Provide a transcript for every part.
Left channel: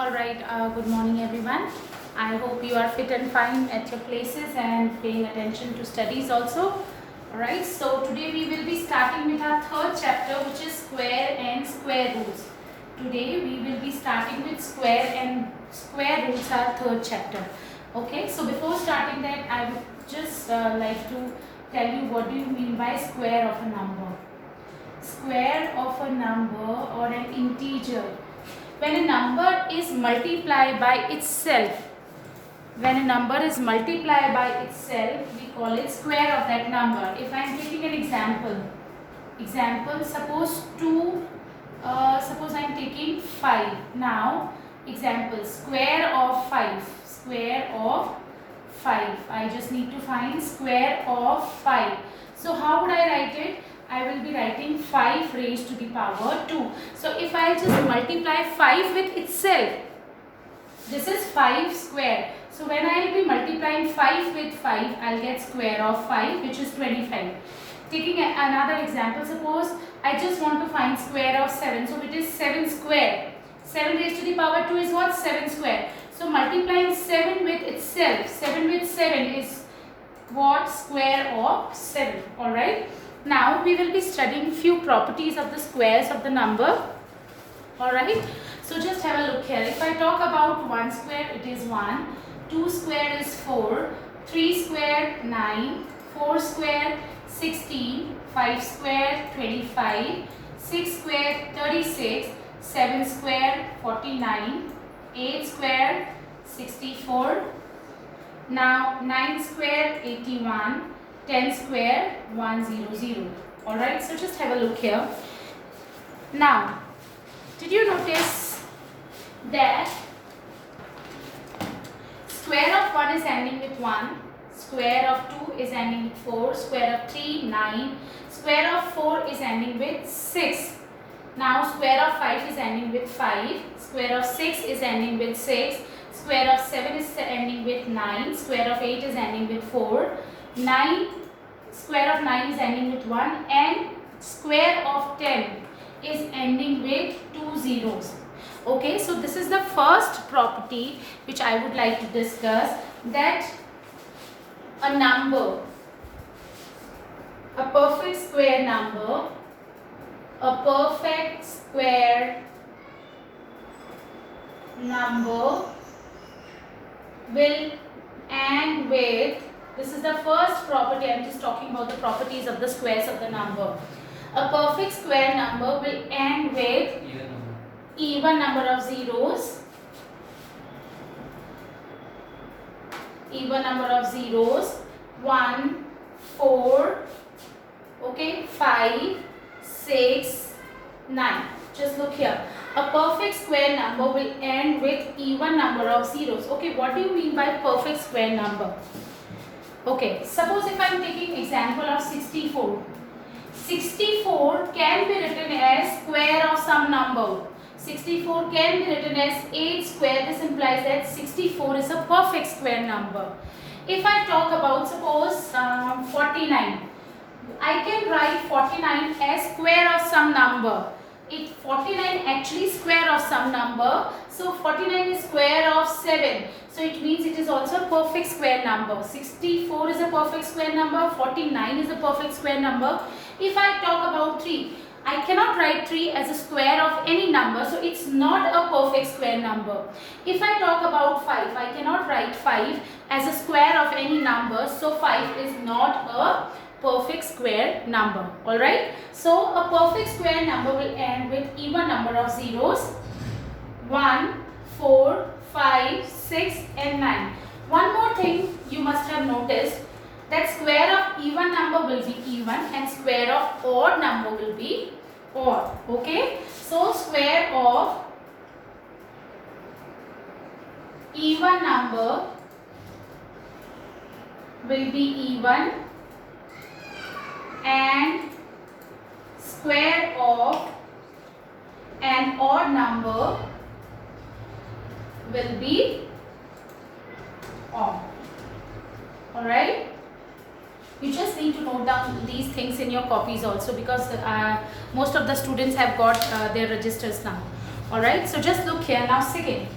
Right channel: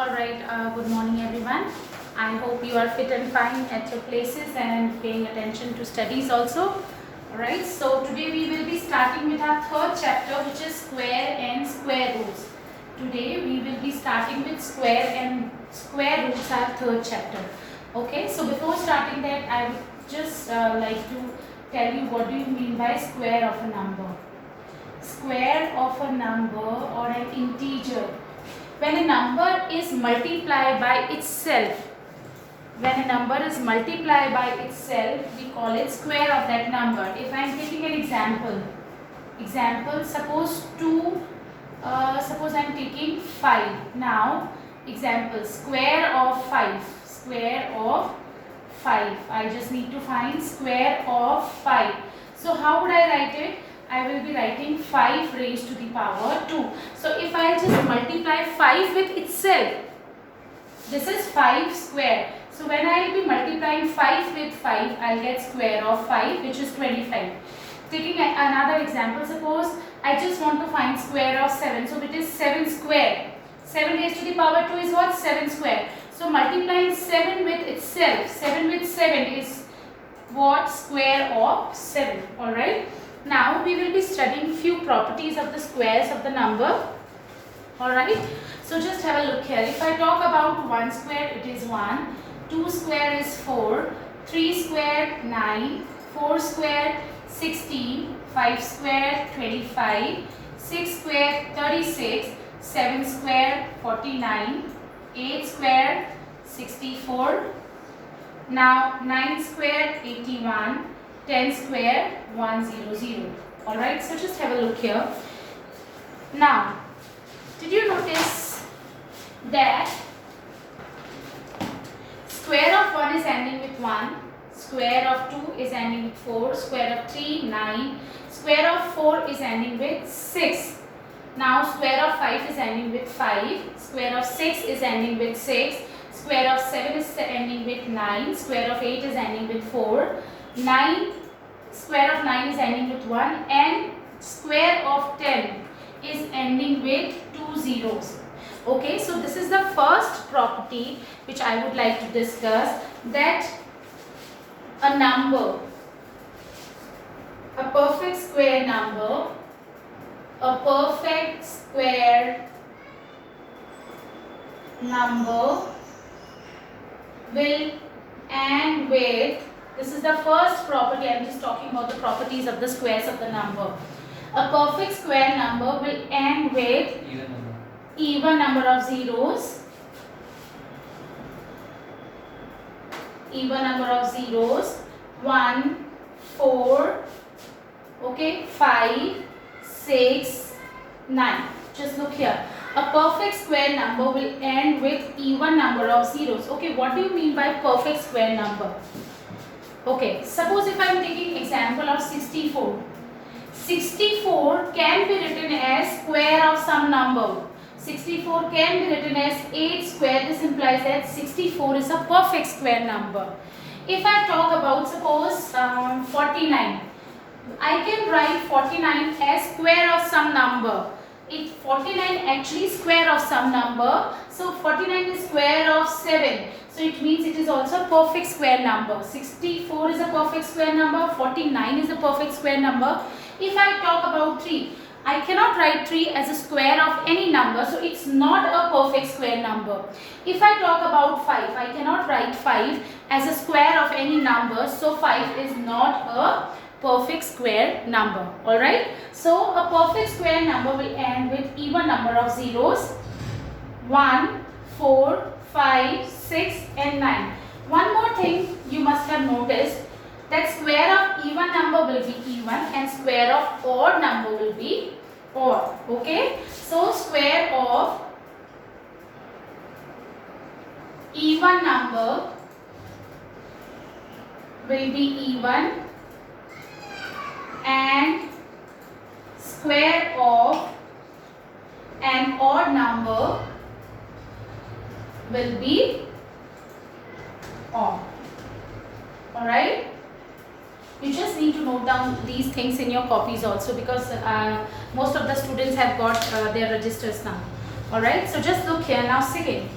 Alright, good morning everyone. I hope you are fit and fine at your places and paying attention to studies also. Alright, so today we will be starting with our third chapter, which is square and square roots. Today we will be starting with square and square roots, our third chapter. Okay, so before starting that, I would just like to tell you what do you mean by square of a number. Square of a number or an integer. When a number is multiplied by itself, we call it square of that number. If I am taking an example, suppose I am taking 5. Now, example, square of 5. I just need to find square of 5. So, how would I write it? I will be writing 5 raised to the power 2. So, if I just multiply 5 with itself, this is 5 square. So, when I will be multiplying 5 with 5, I will get square of 5, which is 25. Taking another example, suppose I just want to find square of 7. So, it is 7 square. 7 raised to the power 2 is what? 7 square. So, multiplying 7 with itself, 7 with 7 is what? Square of 7. Alright. Now we will be studying few properties of the squares of the number. Alright. So just have a look here. If I talk about 1 square, it is 1. 2 square is 4. 3 square 9. 4 square 16. 5 square 25. 6 square 36. 7 square 49. 8 square 64. Now 9 square 81. 10 square 100. Alright, so just have a look here. Now, did you notice that square of 1 is ending with 1, square of 2 is ending with 4, square of 3, 9, square of 4 is ending with 6. Now, square of 5 is ending with 5, square of 6 is ending with 6, square of 7 is ending with 9, square of 8 is ending with 4, square of 9 is ending with 1, and square of 10 is ending with 2 zeros. Okay, so this is the first property which I would like to discuss, that a number, a perfect square number, will end with, this is the first property. I am just talking about the properties of the squares of the number. A perfect square number will end with even number of zeros. 1, 4, okay, 5, 6, 9. Just look here. A perfect square number will end with even number of zeros. Okay, what do you mean by perfect square number? Okay, suppose if I am taking example of 64. 64 can be written as square of some number. 64 can be written as 8 square. This implies that 64 is a perfect square number. If I talk about suppose 49. I can write 49 as square of some number. If 49 actually square of some number, so 49 is square of 7. So it means it is also a perfect square number. 64 is a perfect square number. 49 is a perfect square number. If I talk about 3, I cannot write 3 as a square of any number. So it's not a perfect square number. If I talk about 5, I cannot write 5 as a square of any number. So 5 is not a perfect square number. Alright. So a perfect square number will end with even number of zeros. 1, 4, 5, 6 and 9. One more thing you must have noticed, that square of even number will be even and square of odd number will be odd. Okay. So square of even number will be even and square of an odd number will be odd. Alright. You just need to note down these things in your copies also, because most of the students have got their registers now. Alright, so just look here now. Second,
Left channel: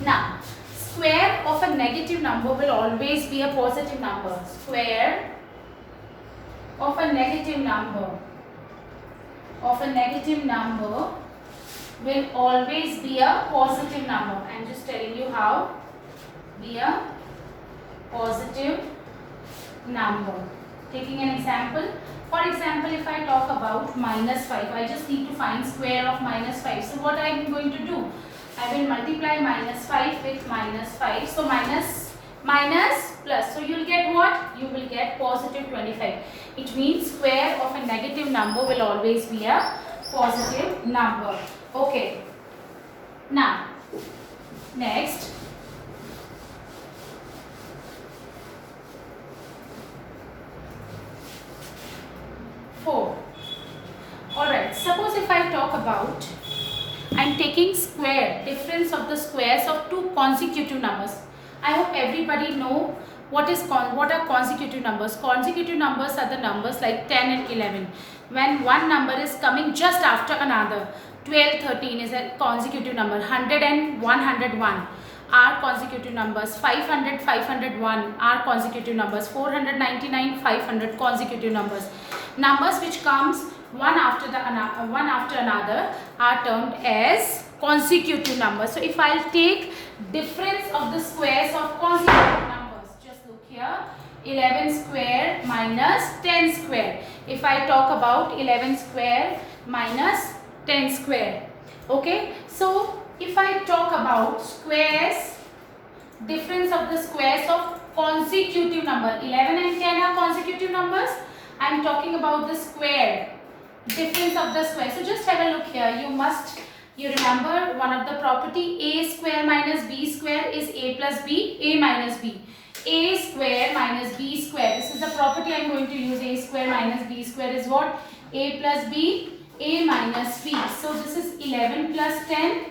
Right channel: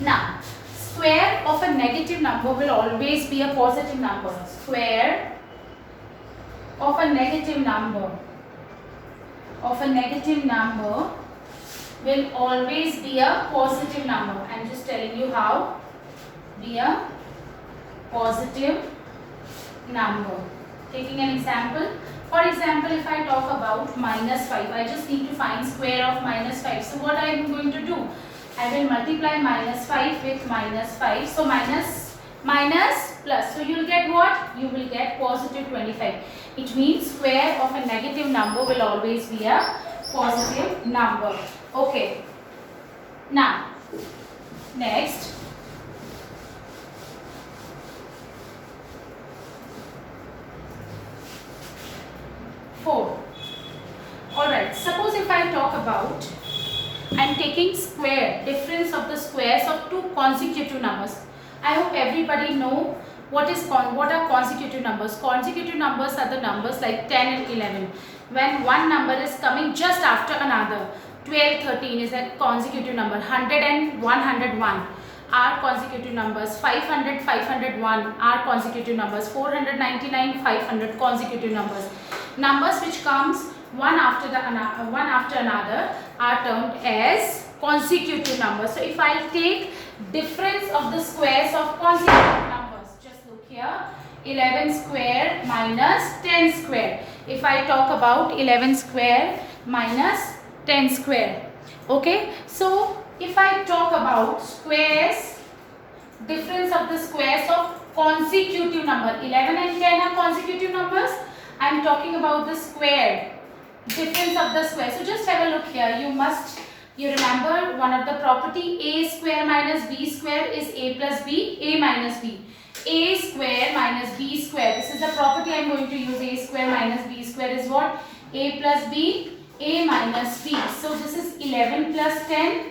Now, square of a negative number will always be a positive number. Square of a negative number will always be a positive number. I am just telling you how. Be a positive number. Taking an example. For example, if I talk about -5, I just need to find square of -5. So what I am going to do? I will multiply -5 with -5. So minus plus. So you will get what? You will get positive 25. It means square of a negative number will always be a positive number. Okay. Now, next. Alright, suppose if I talk about, I am taking square, difference of the squares of two consecutive numbers. I hope everybody know what are consecutive numbers. Consecutive numbers are the numbers like 10 and 11. When one number is coming just after another. 12, 13 is a consecutive number. 100 and 101 are consecutive numbers. 500, 501 are consecutive numbers. 499, 500 consecutive numbers. Numbers which comes one after another are termed as consecutive numbers. So if I take difference of the squares of consecutive numbers, just look here, 11 square minus 10 square. If I talk about 11 square minus 10 square. Okay, so if I talk about squares, difference of the squares of consecutive number, 11 and 10 are consecutive numbers. I am talking about the square, difference of the square. So just have a look here. You remember one of the property, a square minus b square is a plus b, a minus b. A square minus b square. This is the property I am going to use. A square minus b square is what? A plus b, a minus b. So this is 11 plus 10,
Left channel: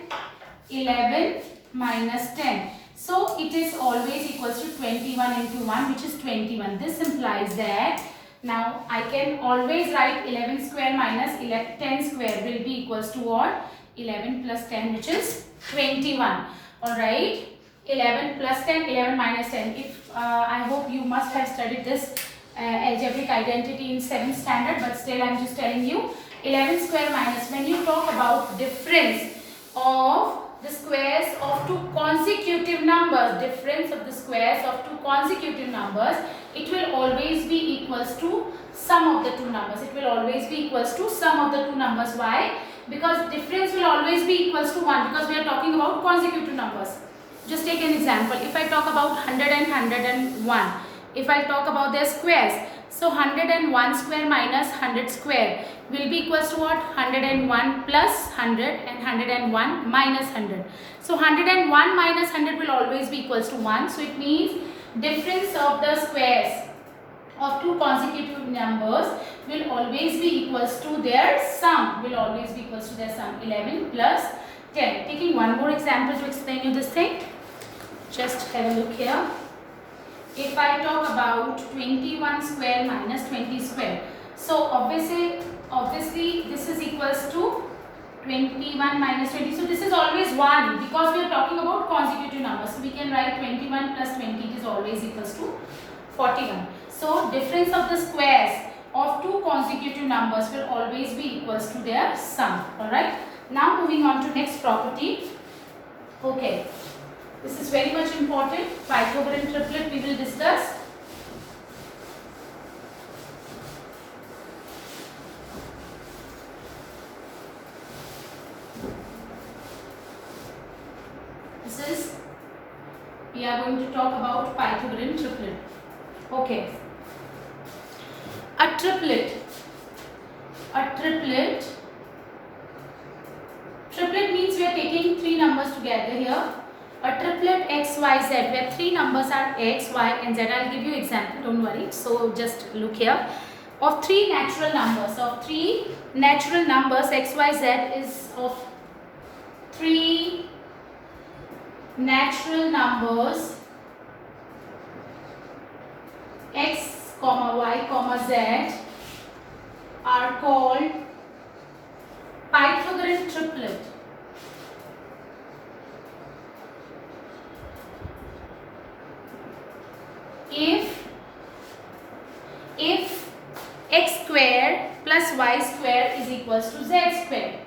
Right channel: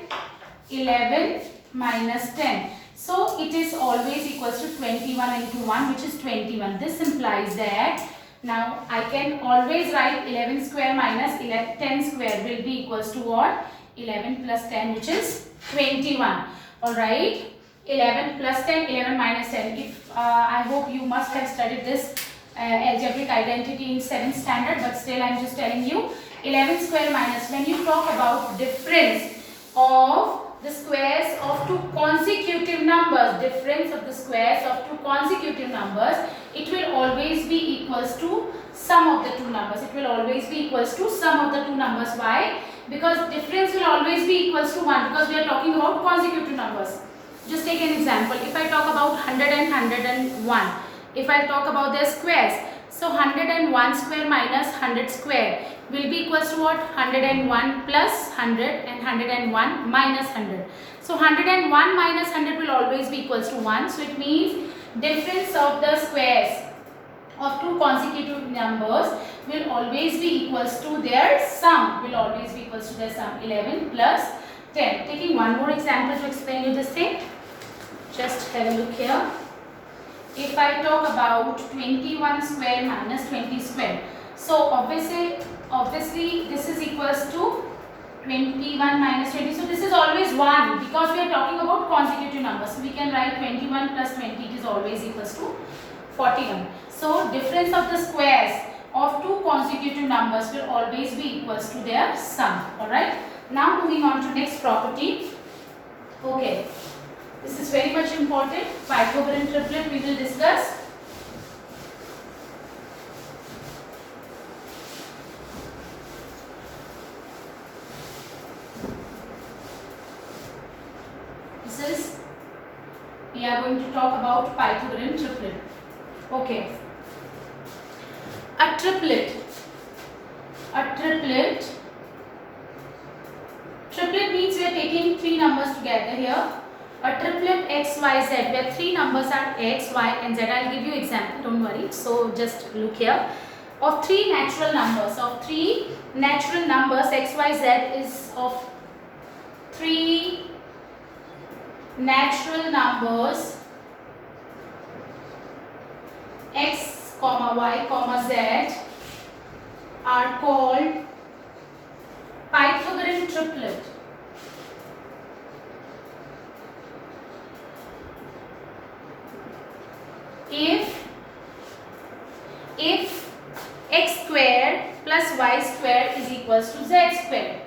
11 minus 10. So it is always equals to 21 into 1, which is 21. This implies that now I can always write 11 square minus 10 square will be equals to what? 11 plus 10, which is 21. Alright. 11 plus 10, 11 minus 10. If I hope you must have studied this algebraic identity in 7th standard, but still I am just telling you 11 square minus, when you talk about difference of the squares of two consecutive numbers, difference of the squares of two consecutive numbers, it will always be equals to sum of the two numbers. It will always be equals to sum of the two numbers. Why? Because difference will always be equals to 1, because we are talking about consecutive numbers. Just take an example. If I talk about 100 and 101, if I talk about their squares, so 101 square minus 100 square will be equals to what? 101 plus 100 and 101 minus 100. So 101 minus 100 will always be equals to 1. So it means difference of the squares of two consecutive numbers will always be equals to their sum. 11 plus 10. Taking one more example to explain you this thing. Just have a look here. If I talk about 21 square minus 20 square. So obviously this is equals to 21 minus 20. So this is always 1, because we are talking about consecutive numbers. So we can write 21 plus 20, it is always equals to 41. So difference of the squares of two consecutive numbers will always be equals to their sum. Alright. Now moving on to next property. Okay. This is very much important. Pythagorean triplet we will discuss. We are going to talk about Pythagorean triplet. Okay. A triplet means we are taking three numbers together here. A triplet x, y, z, where three numbers are x, y and z. I will give you example, don't worry. So just look here. Of three natural numbers, x, y, z is of three natural numbers x, y, z are called Pythagorean triplet. if x square plus y square is equals to z square,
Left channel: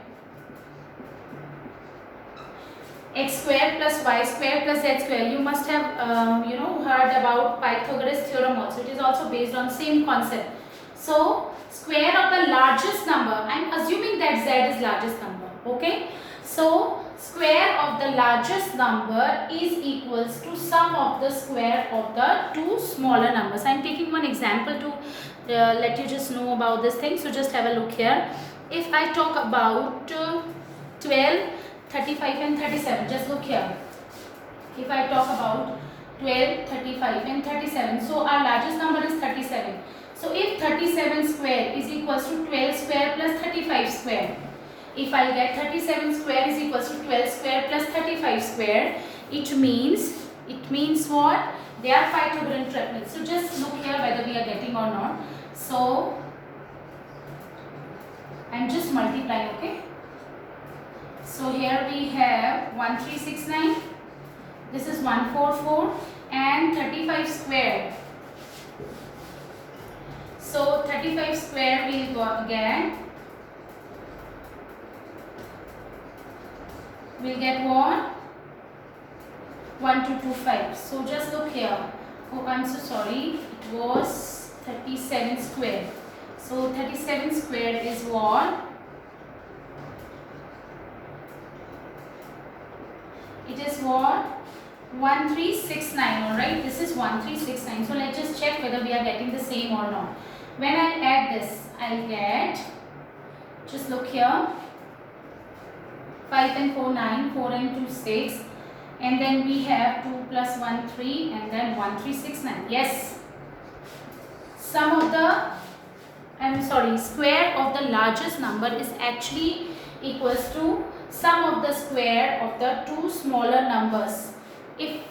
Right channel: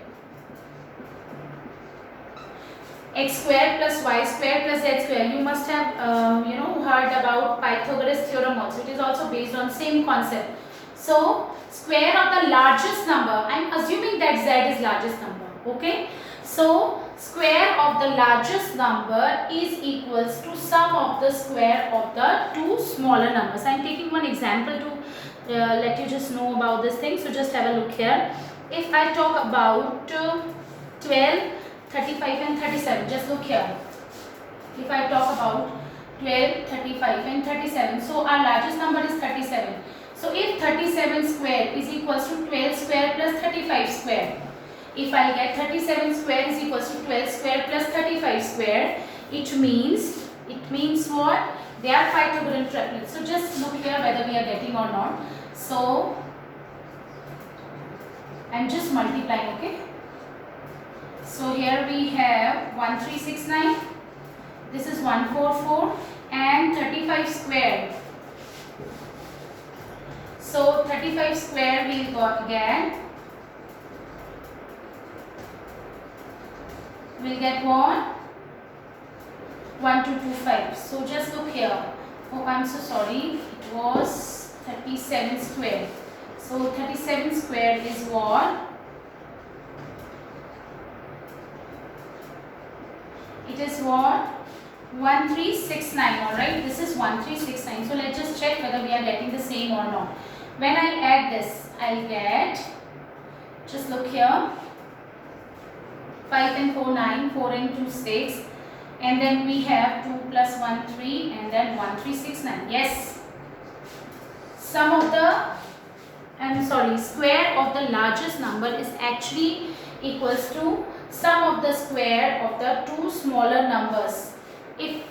x square plus y square plus z square. You must have heard about Pythagoras theorem also. It is also based on same concept. So square of the largest number, I am assuming that z is largest number, okay. So square of the largest number is equals to sum of the square of the two smaller numbers. I am taking one example to let you just know about this thing. So just have a look here. If I talk about 12, 35 and 37, just look here. If I talk about 12, 35 and 37, so our largest number is 37. So if 37 square is equals to 12 square plus 35 square, if I get 37 square is equals to 12 square plus 35 square, it means what? They are Pythagorean triplets. So just look here whether we are getting or not. So I'm just multiplying, okay. So here we have 1369, this is 144 and 35 square. So 35 square we will get what? 1225. So just look here. Oh, I'm so sorry. It was 37 square. So 37 square is what? It is what? 1369. Alright, this is 1369. So let's just check whether we are getting the same or not. When I add this, I'll get, just look here, 5 and 4 9, 4 and 2 6, and then we have 2 plus 1 3, and then 1369. Yes, sum of the square of the largest number is actually equals to sum of the square of the two smaller numbers. If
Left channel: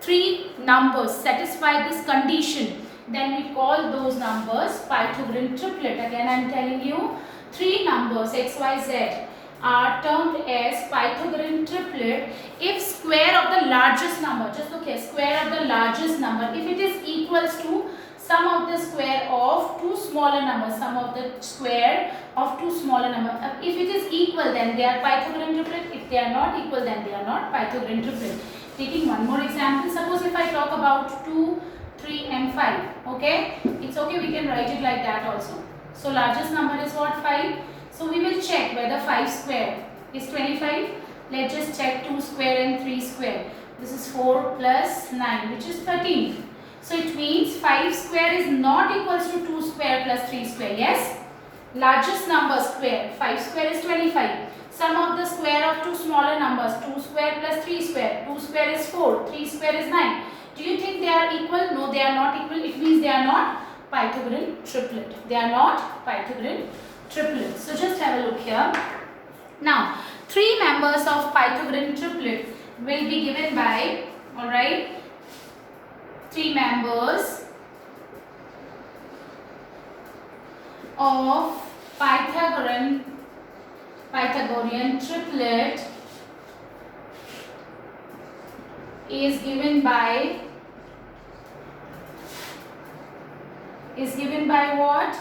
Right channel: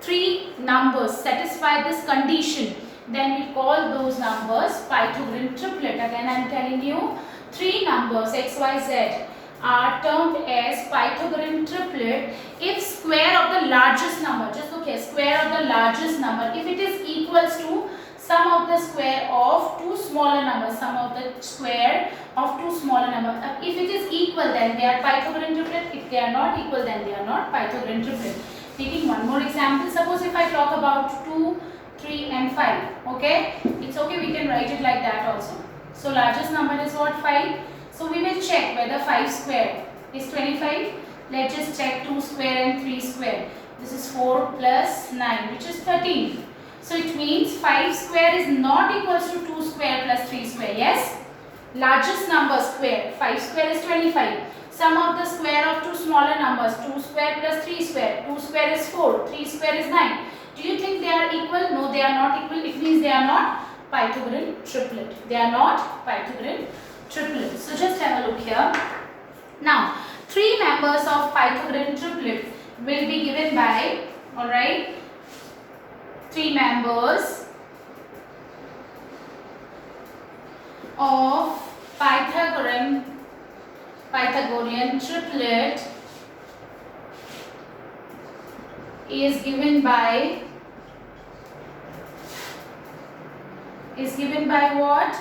three numbers satisfy this condition, then we call those numbers Pythagorean triplet. Again, I am telling you, three numbers x, y, z are termed as Pythagorean triplet if square of the largest number, just look here, square of the largest number, if it is equals to sum of the square of two smaller numbers, sum of the square of two smaller numbers. If it is equal, then they are Pythagorean triplet. If they are not equal, then they are not Pythagorean triplet. Taking one more example, suppose if I talk about 2, 3 and 5, okay, it's okay, we can write it like that also. So largest number is what? 5. So we will check whether 5 square is 25. Let's just check 2 square and 3 square. This is 4 plus 9, which is 13. So it means 5 square is not equals to 2 square plus 3 square. Yes, largest number square, 5 square is 25. Sum of the square of two smaller numbers, 2 square plus 3 square. 2 square is 4, 3 square is 9. Do you think they are equal? No, they are not equal. It means they are not Pythagorean triplet. They are not Pythagorean triplet. So just have a look here. Now, three members of Pythagorean triplet will be given by, alright, three members of Pythagorean triplet is given by what?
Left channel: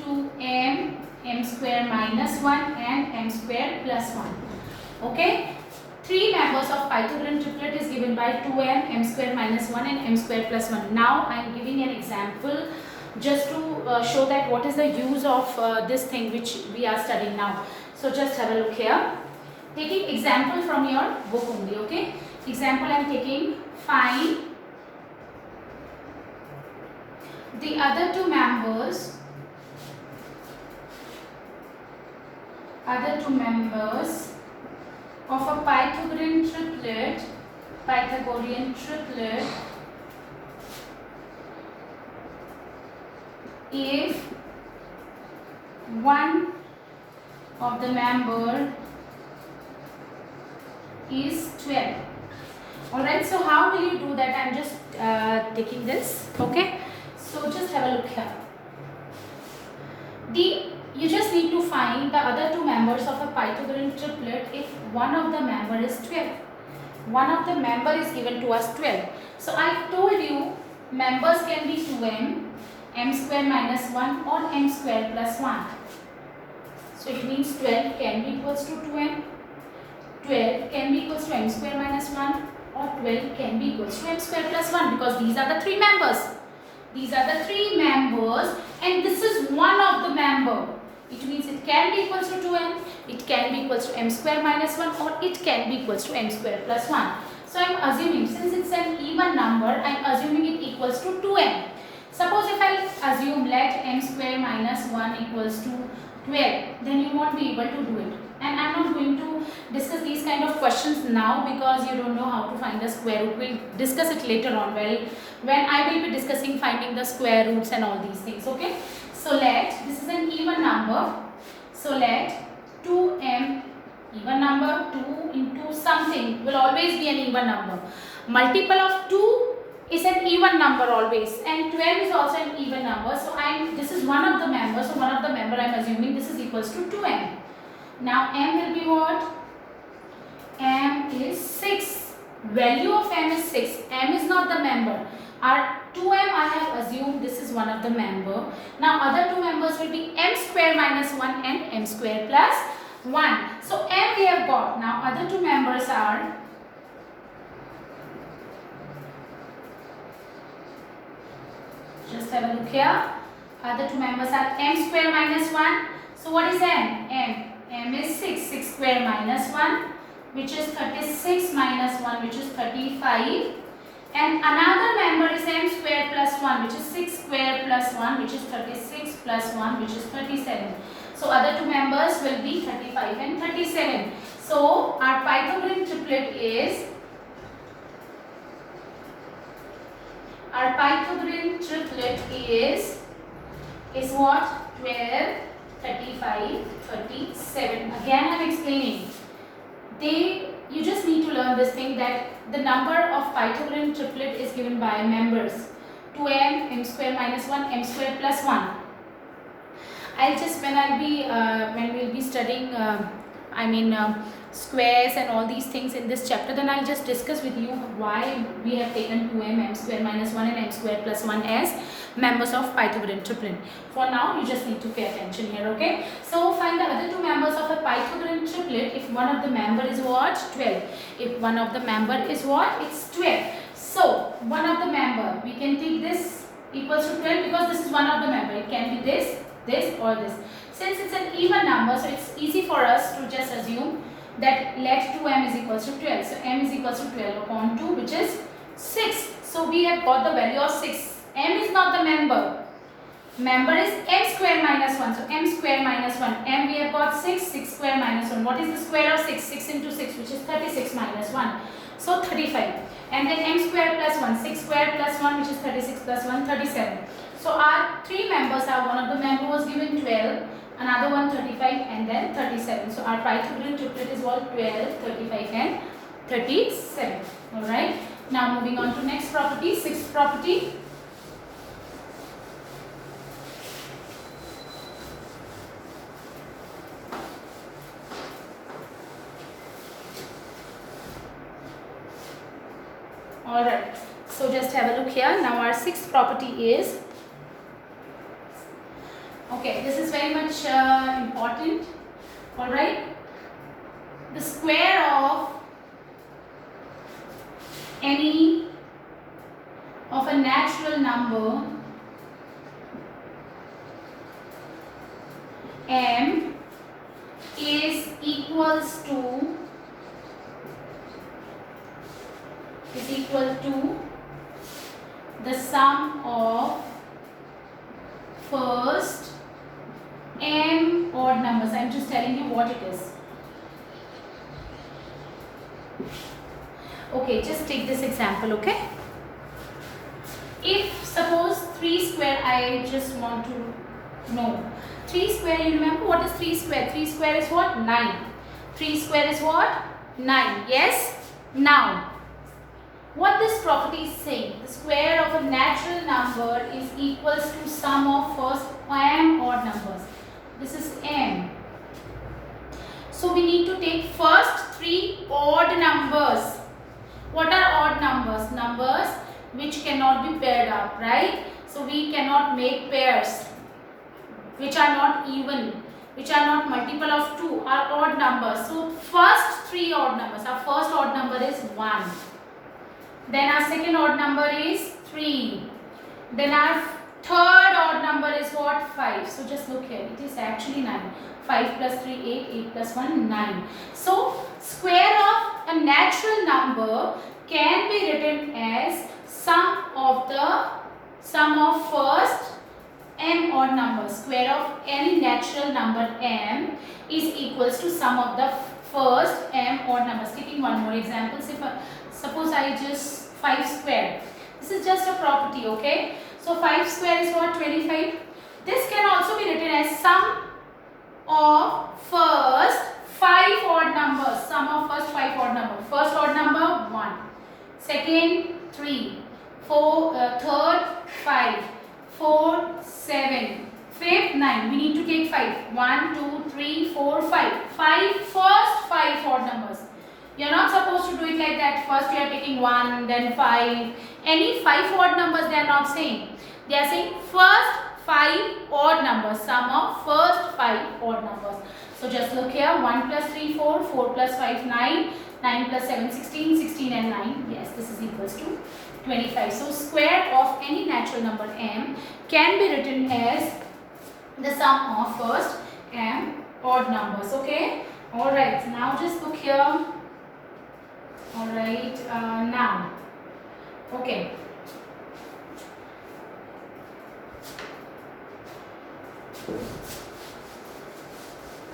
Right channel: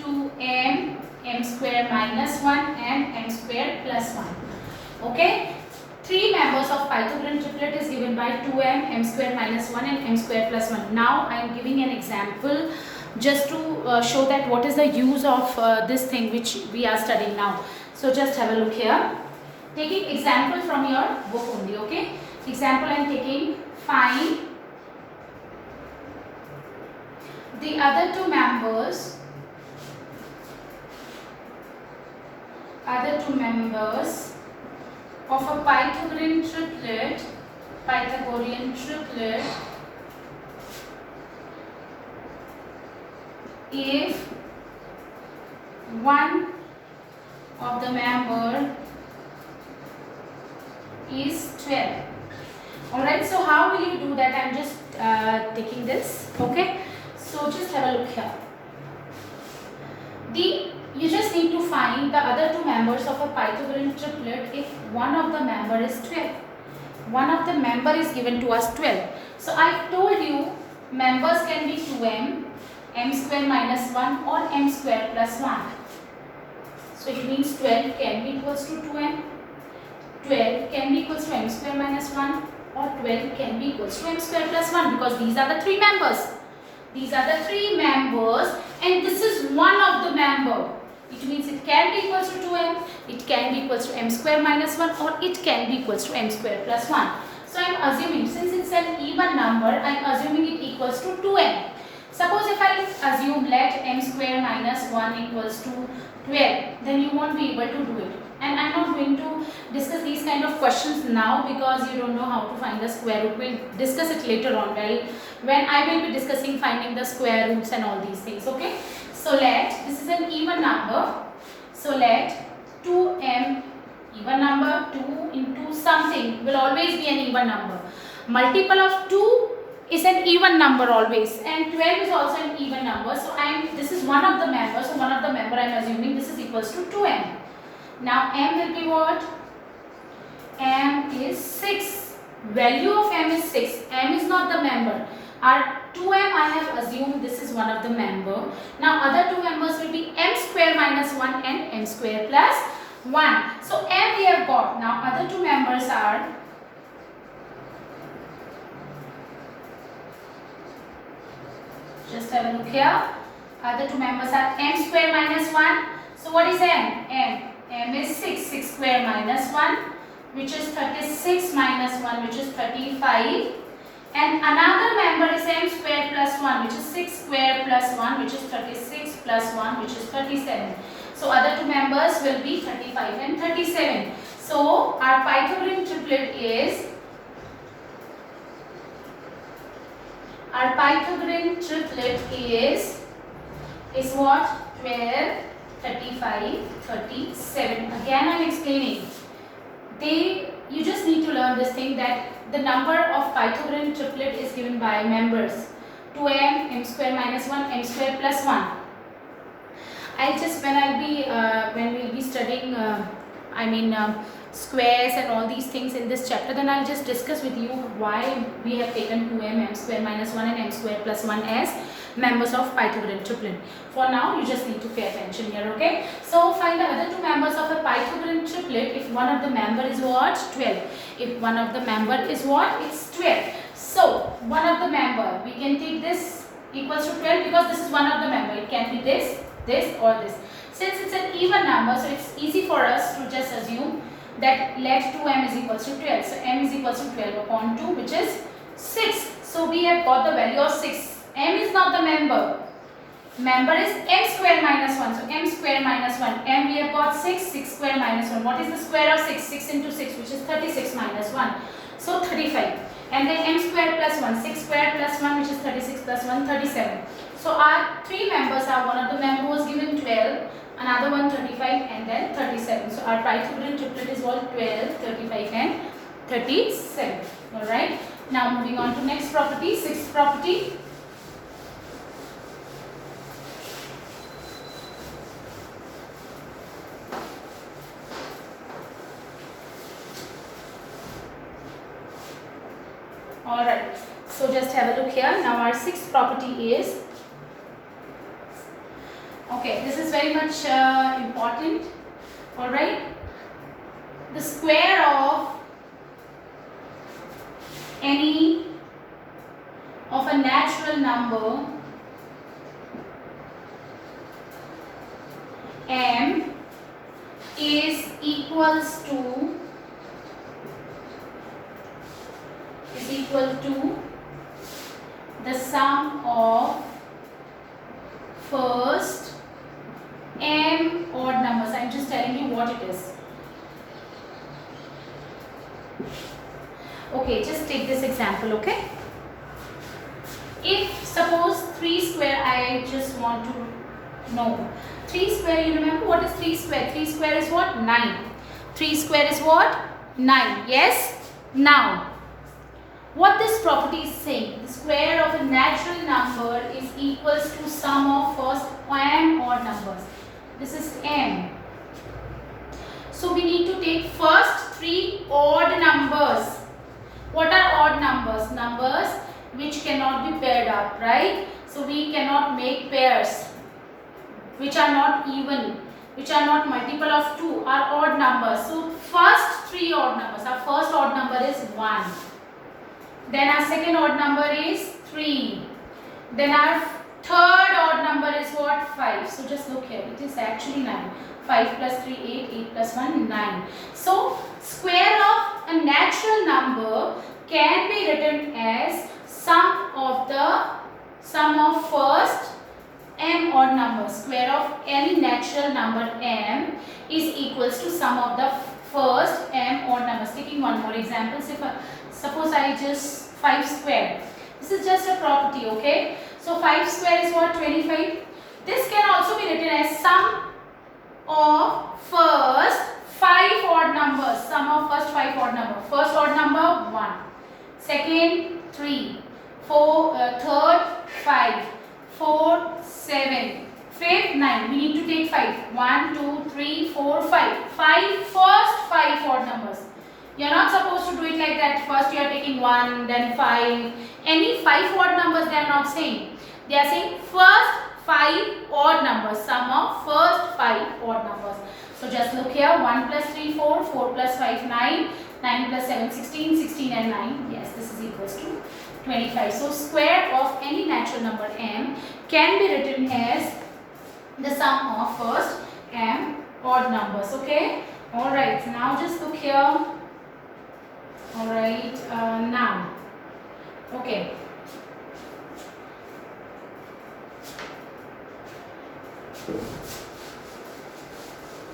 2m, m square minus 1 and m square plus 1. Okay, three members of Pythagorean triplet is given by 2m, m square minus 1 and m square plus 1. Now I am giving an example just to show that what is the use of this thing which we are studying now. So just have a look here. Taking example from your book only, okay. Example I am taking, find the other two members of a Pythagorean triplet if one of the member is 12. Alright, so how will you do that? I am just taking this, okay. So just have a look here. You just need to find the other two members of a Pythagorean triplet if one of the member is 12. One of the member is given to us 12. So I told you members can be 2m, m square minus 1 or m square plus 1. So it means 12 can be equals to 2m, 12 can be equals to m square minus 1 or 12 can be equals to m square plus 1 because these are the three members. These are the three members and this is one of the member. It means it can be equals to 2m, it can be equals to m square minus 1 or it can be equals to m square plus 1. So I am assuming since it's an even number, I am assuming it equals to 2m. Suppose if I assume let m square minus 1 equals to 12, then you won't be able to do it. And I am not going to discuss these kind of questions now because you don't know how to find the square root. We will discuss it later on when I will be discussing finding the square roots and all these things. Okay. So let, this is an even number. So let 2m, even number, 2 into something will always be an even number. Multiple of 2 is an even number always and 12 is also an even number. So this is one of the members. So one of the member I am assuming this is equals to 2m. Now m will be what? M is 6. Value of m is 6. M is not the member. Our 2m I have assumed this is one of the member. Now other two members will be m square minus 1 and m square plus 1. So m we have got. Now other two members are just have a look here. Other two members are m square minus 1. So what is m? M is 6. 6 square minus 1 which is 36 minus 1 which is 35. And another member is m square plus 1 which is 6 square plus 1 which is 36 plus 1 which is 37. So other two members will be 35 and 37. So our Pythagorean triplet is what? 12, 35, 37. Again I am explaining. You just need to learn this thing that the number of Pythagorean triplet is given by members 2m, m square minus 1, m square plus 1. When we'll be studying squares and all these things in this chapter, then I'll just discuss with you why we have taken 2m, m square minus 1 and m square plus 1 as members of Pythagorean triplet. For now, you just need to pay attention here, okay? So find the other two members of a Pythagorean triplet if one of the member is what? 12. If one of the member is what? It's 12. So one of the member, we can take this equals to 12 because this is one of the member. It can be this, this or this. Since it's an even number, so it's easy for us to just assume that let 2m is equals to 12. So m is equals to 12 upon 2 which is 6. So we have got the value of 6. M is not the member. Member is m square minus 1. So m square minus 1. M we have got 6. 6 square minus 1. What is the square of 6? 6 into 6 which is 36 minus 1. So 35. And then m square plus 1. 6 square plus 1 which is 36 plus 1. 37. So our three members are, one of the member was given 12. Another one 35 and then 37. So our Pythagorean triplet is what? 12, 35 and 37. Alright. Now moving on to next property, sixth property. Alright. So just have a look here. Now our sixth property is, okay, this is very much important. Alright. The square of any of a natural number m is equal to the sum of first m odd numbers. I am just telling you what it is. Okay, just take this example, okay? If suppose 3 square, I just want to know. 3 square, you remember what is 3 square? 3 square is what? 9. 3 square is what? 9. Yes? Now, what this property is saying, the square of a natural number is equals to sum of first m odd numbers. This is m. So we need to take first 3 odd numbers. What are odd numbers? Numbers which cannot be paired up, right? So we cannot make pairs which are not even, which are not multiple of 2, are odd numbers. So first 3 odd numbers. Our first odd number is 1. Then our second odd number is 3. Then our third odd number is what? 5. So just look here. It is actually 9. 5 plus 3, 8. 8 plus 1, 9. So square of a natural number can be written as sum of first m odd numbers. Square of any natural number m is equals to sum of the first m odd numbers. Taking one more example, suppose I just 5 square. This is just a property, okay? So 5 square is what? 25. This can also be written as sum of first 5 odd numbers. Sum of first 5 odd numbers. First odd number 1. Second 3. Third 5. 4, 7. Fifth 9. We need to take 5. 1, 2, 3, 4, 5. 5 first 5 odd numbers. You are not supposed to do it like that. First you are taking 1, then 5. Any 5 odd numbers they are not saying. They are saying first 5 odd numbers. Sum of first 5 odd numbers. So just look here. 1 plus 3, 4. 4 plus 5, 9. 9 plus 7, 16. 16 and 9. Yes, this is equals to 25. So square of any natural number m can be written as the sum of first m odd numbers. Okay. Alright. Now just look here. Alright. Now. Okay.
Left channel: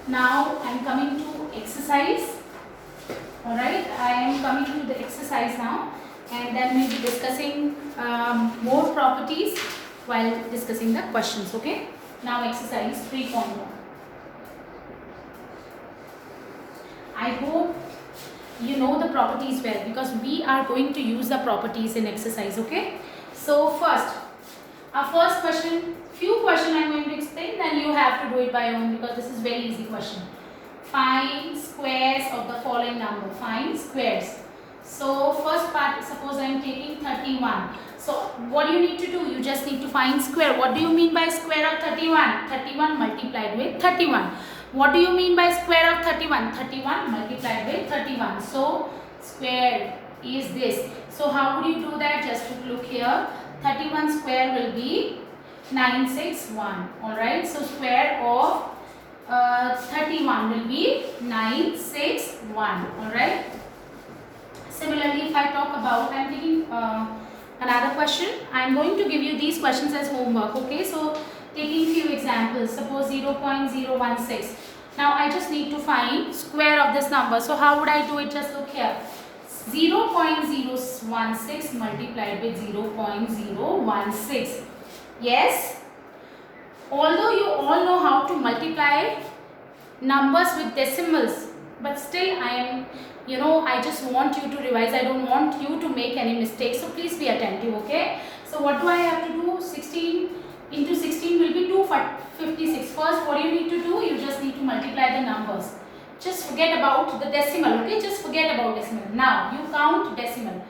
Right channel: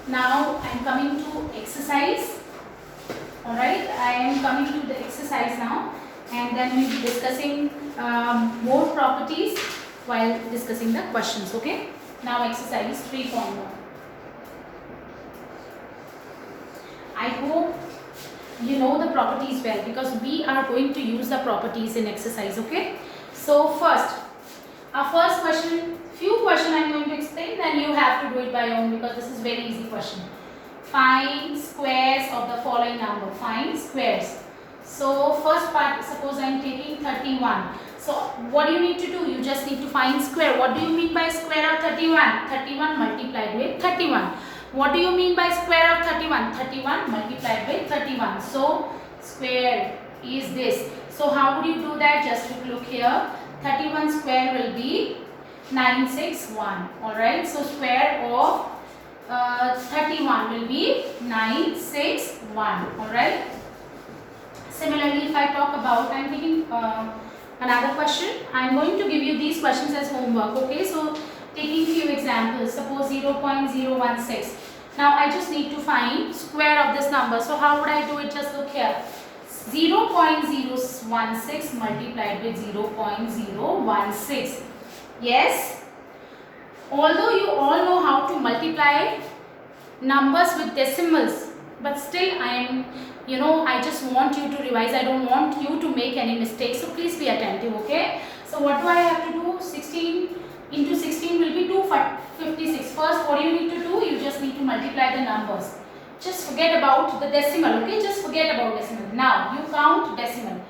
Now I am coming to exercise. Alright. I am coming to the exercise now. And then we will be discussing more properties while discussing the questions. Okay. Now exercise 3.1. I hope you know the properties well because we are going to use the properties in exercise. Okay. So first, our first question, few questions I am going to explain, then you have to do it by your own because this is very easy question. Find squares of the following number. Find squares. So first part, suppose I am taking 31. So what do you need to do? You just need to find square. What do you mean by square of 31? 31 multiplied with 31. What do you mean by square of 31? 31 multiplied with 31. So square is this. So how would you do that? Just look here. 31 square will be 961. Alright. So square of 31 will be 961. Alright. Similarly, if I talk about, I am taking another question. I am going to give you these questions as homework. Okay, so taking few examples. Suppose 0.016. Now I just need to find square of this number. So how would I do it? Just look here. 0.016 multiplied with 0.016. Yes. Although you all know how to multiply numbers with decimals, but still I am, I just want you to revise. I don't want you to make any mistakes. So please be attentive, okay? So what do I have to do? 16 into 16 will be 256. First, what do you need to do? You just need to multiply the numbers. Just forget about the decimal, okay? Just forget about decimal. Now, you count decimal.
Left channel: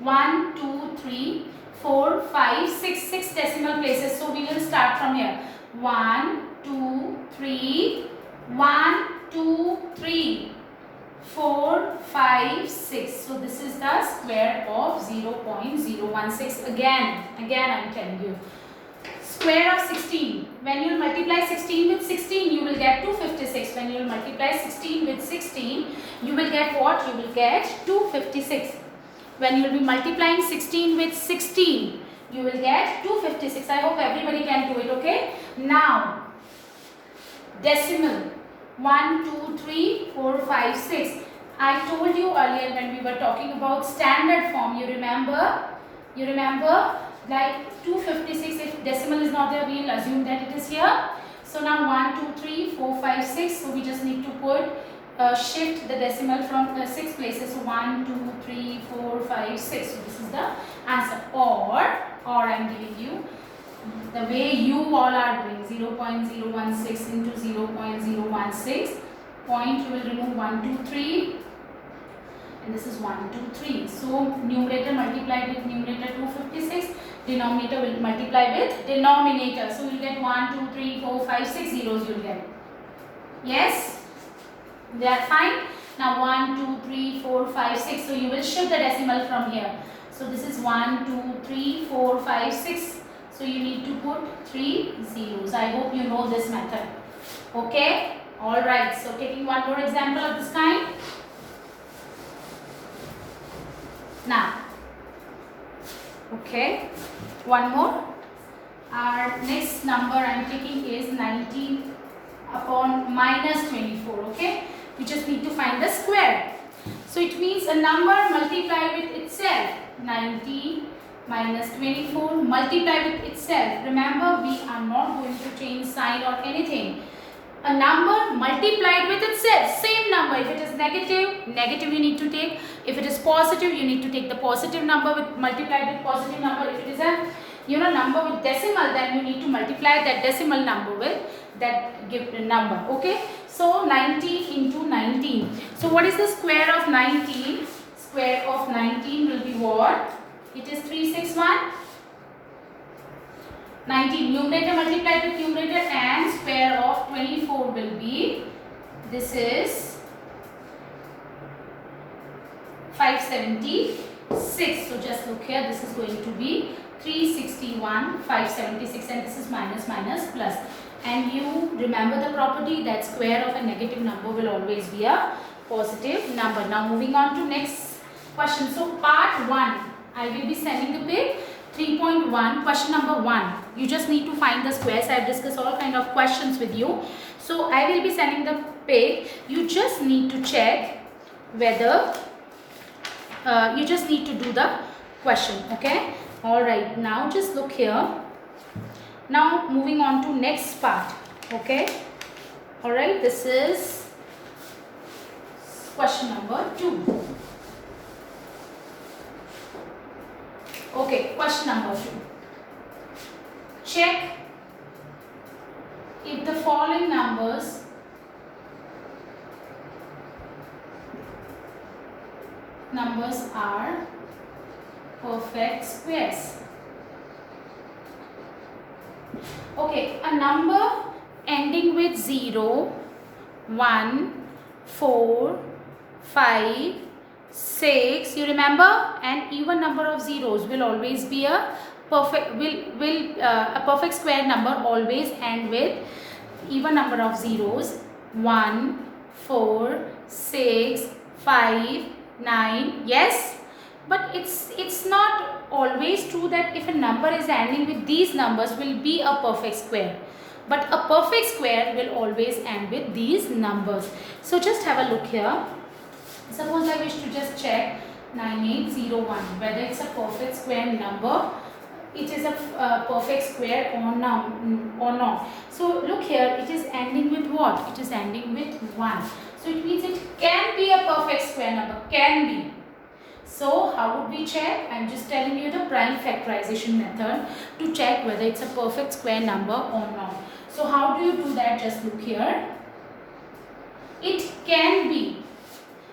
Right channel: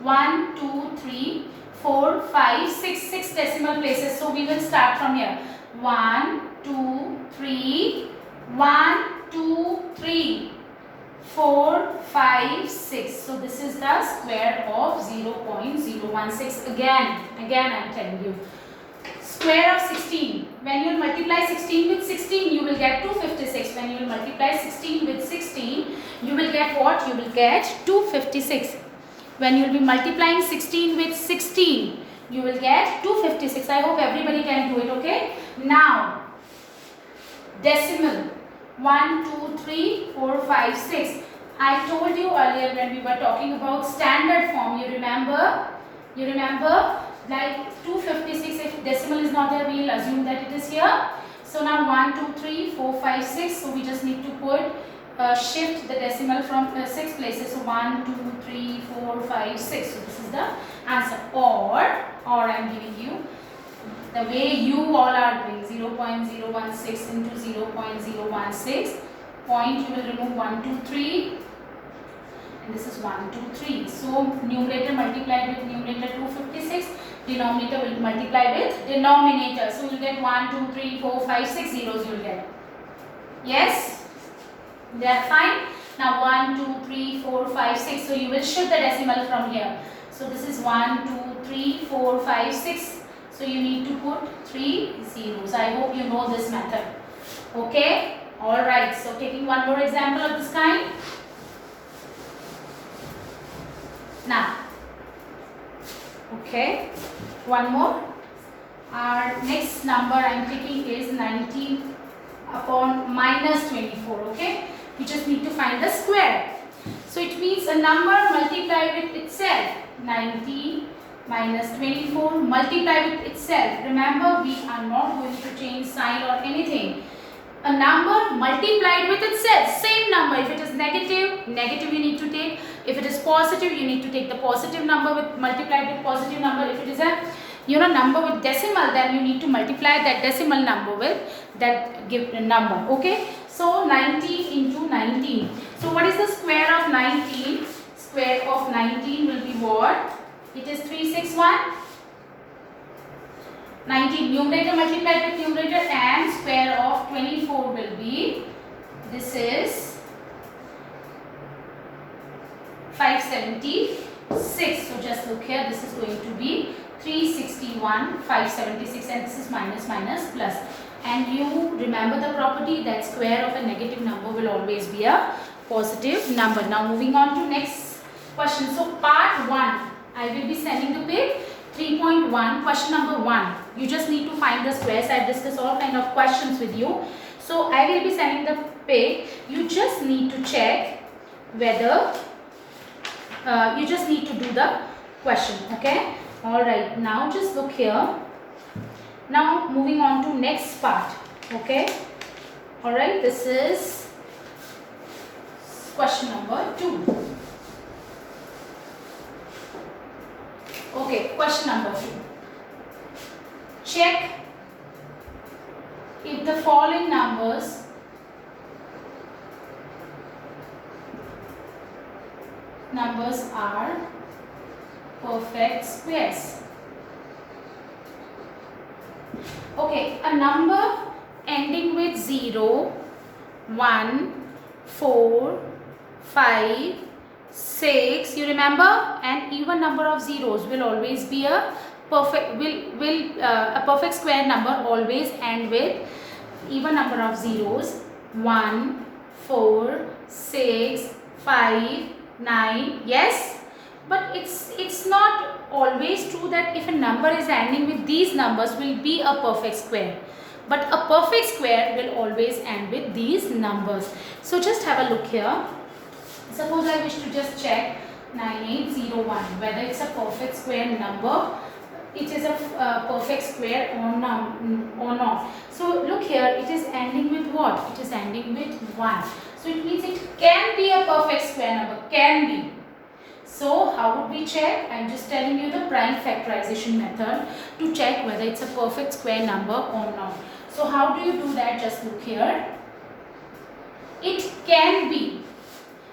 1, 2, 3, 4, 5, 6. 6 decimal places. So we will start from here. 1, 2, 3. 1, 2, 3. 4, 5, 6. So this is the square of 0.016. Again I am telling you. Square of 16. When you will multiply 16 with 16, you will get 256. When you will multiply 16 with 16, you will get what? You will get 256. When you will be multiplying 16 with 16, you will get 256. I hope everybody can do it, okay? Now, decimal. 1, 2, 3, 4, 5, 6. I told you earlier when we were talking about standard form. You remember? Like 256, if decimal is not there, we will assume that it is here. So now 1, 2, 3, 4, 5, 6. So we just need to put, shift the decimal from 6 places. So 1, 2, 3, 4, 5, 6. So this is the answer. Or I am giving you the way you all are doing. 0.016 into 0.016. Point, you will remove 1, 2, 3. and this is 1, 2, 3. So numerator multiplied with numerator 256, denominator will multiply with denominator. So you will get 1, 2, 3, 4, 5, 6 zeros you will get. Yes? They are fine. Now 1, 2, 3, 4, 5, 6. So you will shift the decimal from here. So this is 1, 2, 3, 4, 5, 6. So you need to put 3 zeros. I hope you know this method. Okay? Alright. So taking one more example of this kind. Now. Okay. One more. Our next number I am picking is 19 upon minus 24. Okay? You just need to find the square. So it means a number multiplied with itself. 19 minus 24 multiply with itself. Remember, we are not going to change sign or anything. A number multiplied with itself. Same number. If it is negative, negative you need to take. If it is positive, you need to take the positive number with multiplied with positive number. If it is a number with decimal, then you need to multiply that decimal number with that given number. Okay. So 19 into 19. So what is the square of 19? Square of 19 will be what? It is 361. 19 numerator multiplied with numerator, and square of 24 will be, this is 576. So just look here, this is going to be 361, 576, and this is minus minus plus. And you remember the property that square of a negative number will always be a positive number. Now moving on to next question. So part 1, I will be sending the page 3.1, question number 1. You just need to find the squares. I have discussed all kind of questions with you. So I will be sending the page. You just need to check whether, you just need to do the question. Okay. Alright. Now just look here. Now moving on to next part. Okay. Alright. This is question number 2. Okay, question number 2. Check if the following numbers are perfect squares. Okay, a number ending with 0, 1, 4, 5, 6, you remember, and even number of zeros will always be a perfect, a perfect square number always end with even number of zeros. 1, 4, 6, 5, 9. Yes, but it's not always true that if a number is ending with these numbers will be a perfect square. But a perfect square will always end with these numbers. So just have a look here. Suppose I wish to just check 9801 whether it's a perfect square number. It is a perfect square or not. So look here, it is ending with what? It is ending with 1. So it means it can be a perfect square number. Can be. So how would we check? I am just telling you the prime factorization method to check whether it's a perfect square number or not. So how do you do that? Just look here. It can be.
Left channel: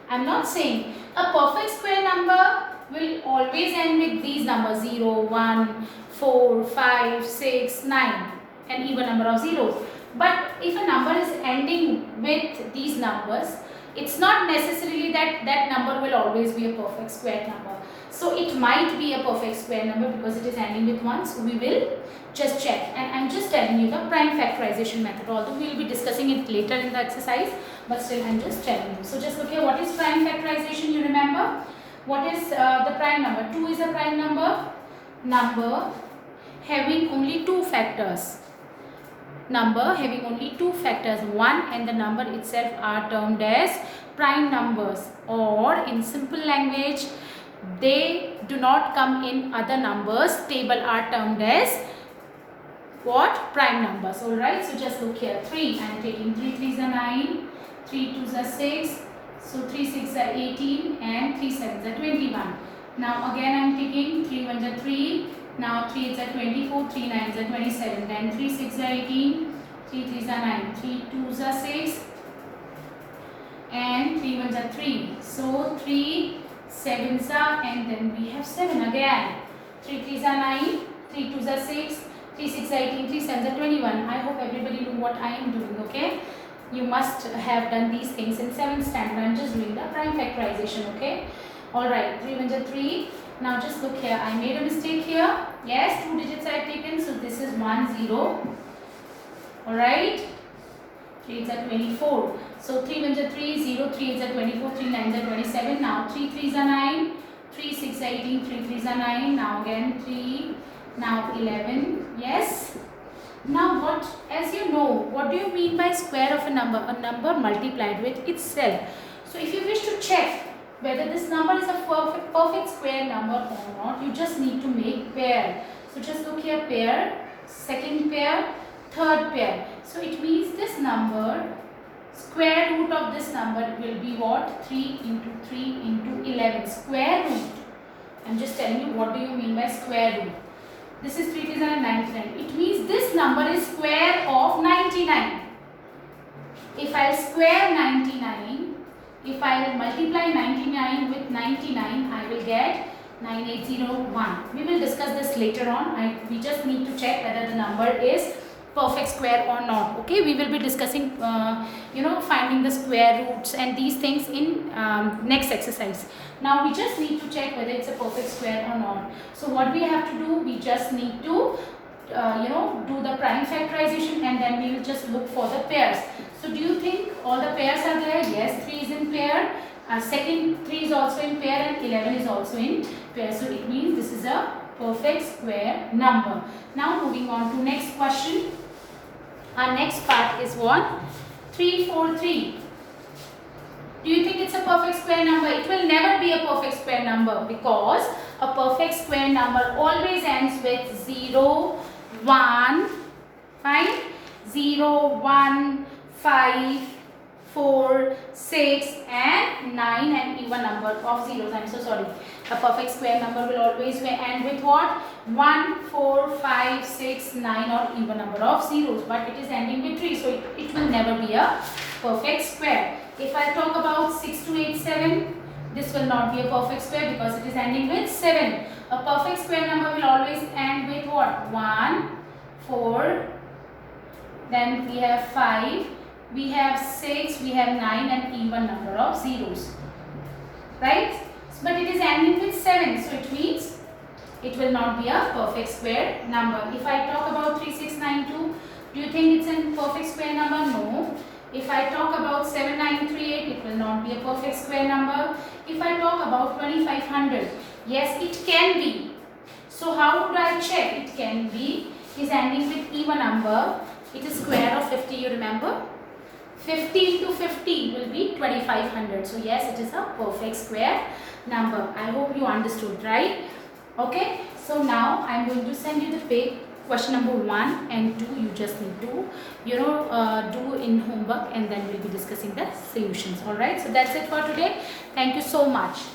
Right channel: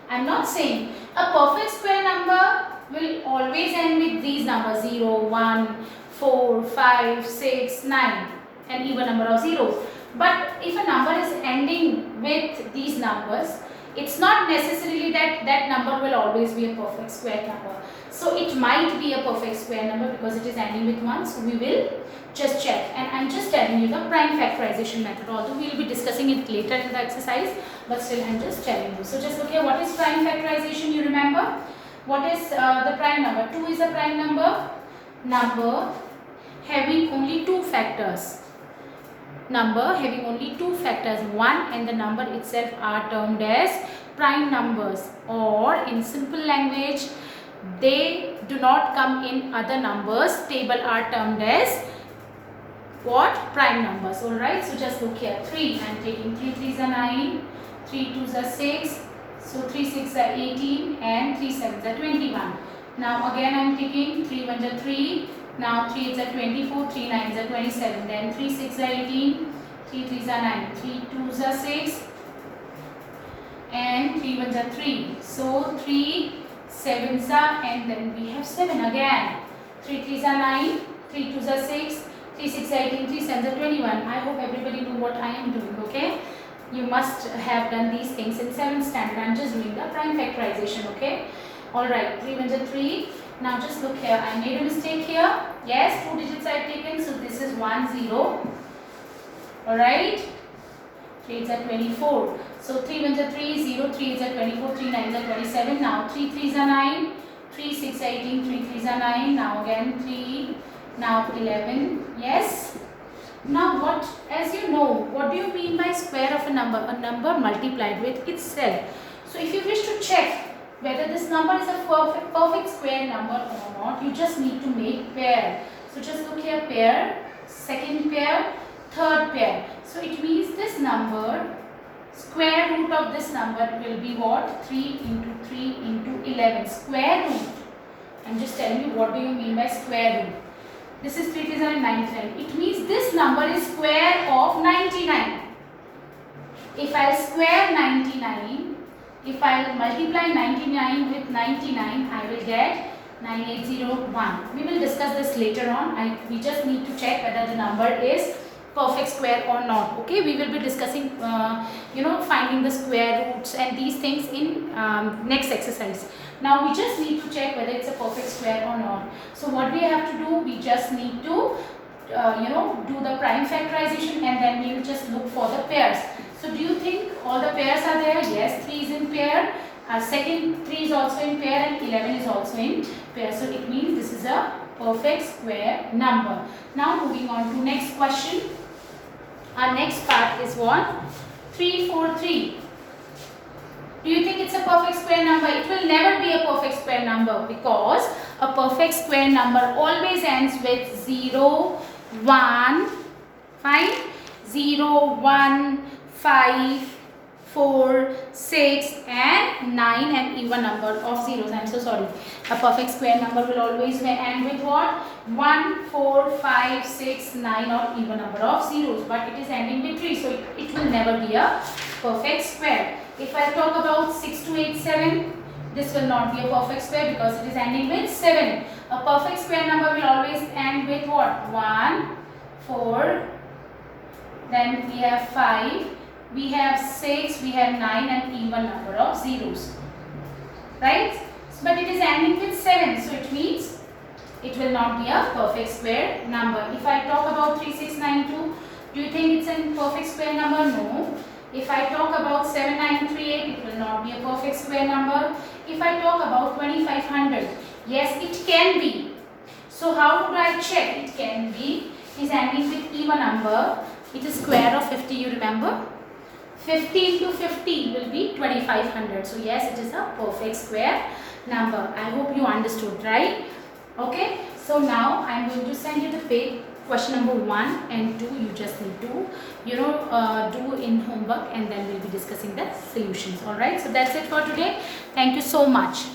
I am not saying a perfect square number will always end with these numbers 0, 1, 4, 5, 6, 9 and even number of zeros. But if a number is ending with these numbers, it's not necessarily that that number will always be a perfect square number. So it might be a perfect square number because it is ending with 1. So we will just check, and I am just telling you the prime factorization method, although we will be discussing it later in the exercise, but still I am just telling you. So just look here, what is prime factorization? You remember? What is the prime number? 2 is a prime number. Number having only 2 factors. Number having only 2 factors, 1 and the number itself are termed as prime numbers, or in simple language, they do not come in other numbers table, are termed as what? Prime numbers. Alright, so just look here. 3, I am taking 3 3s are 9, 3 2s are 6, so 3 6 are 18 and 3 7s are 21. Now again I am taking 3 1s are 3, now 3 8s are 24, 3 9s are 27, then 3 6 are 18, 3 3s are 9, 3 2s are 6 and 3 ones are 3. So 3 sevens are, and then we have 7 again. 3 threes are 9, 3 twos are 6, 3 6 are 18, 3 sevens are 21. I hope everybody know what I am doing, okay? You must have done these things in 7th standard. I am just doing the prime factorization, okay? Alright, 3 ones are 3. Now just look here. I made a mistake here. Yes, 2 digits I have taken. So this is 1 0. Alright. 3 8s are 24. So 3 ones are 3, 0, 3 8s are 24, 3 9s are 27. Now 3 3s are 9, 3 6 are 18, 3 3s are 9. Now again 3, now 11. Yes. Now what, as you know, what do you mean by square of a number? A number multiplied with itself. So if you wish to check whether this number is a perfect square number or not, you just need to make pair. So just look here, pair, second pair, third pair. So it means this number, square root of this number will be what? 3 into 3 into 11. Square root. I'm just telling you what do you mean by square root. This is 399. It means this number is square of 99. If I'll square 99, if I'll multiply 99 with 99, I will get 9801. We will discuss this later on. We just need to check whether the number is perfect square or not. Okay, we will be discussing finding the square roots and these things in next exercise. Now we just need to check whether it's a perfect square or not. So what we have to do, we just need to do the prime factorization, and then we will just look for the pairs. So do you think all the pairs are there? Yes, 3 is in pair, our second 3 is also in pair, and 11 is also in pair. So it means this is a perfect square number. Now moving on to next question. Our next part is what? 343. Do you think it's a perfect square number? It will never be a perfect square number, because a perfect square number always ends with 0, 1, fine? 0, 1, 5, 4, 6 and 9 and even number of zeros. I am so sorry. A perfect square number will always end with what? 1, 4, 5, 6, 9 or even number of zeros. But it is ending with 3. So it will never be a perfect square. If I talk about 6287, this will not be a perfect square because it is ending with 7. A perfect square number will always end with what? 1, 4, then we have 5, we have 6, we have 9 and even number of zeros. Right? But it is ending with 7. So it means it will not be a perfect square number. If I talk about 3692, do you think it's a perfect square number? No. If I talk about 7938, it will not be a perfect square number. If I talk about 2500, yes, it can be. So how would I check? It can be, is ending with even number. It is square of 50, you remember? 50 into 50 will be 2500. So yes, it is a perfect square number. I hope you understood, right? Okay. So now I am going to send you the page. Question number 1 and 2 you just need to do in homework, and then we'll be discussing the solutions. Alright, so that's it for today. Thank you so much.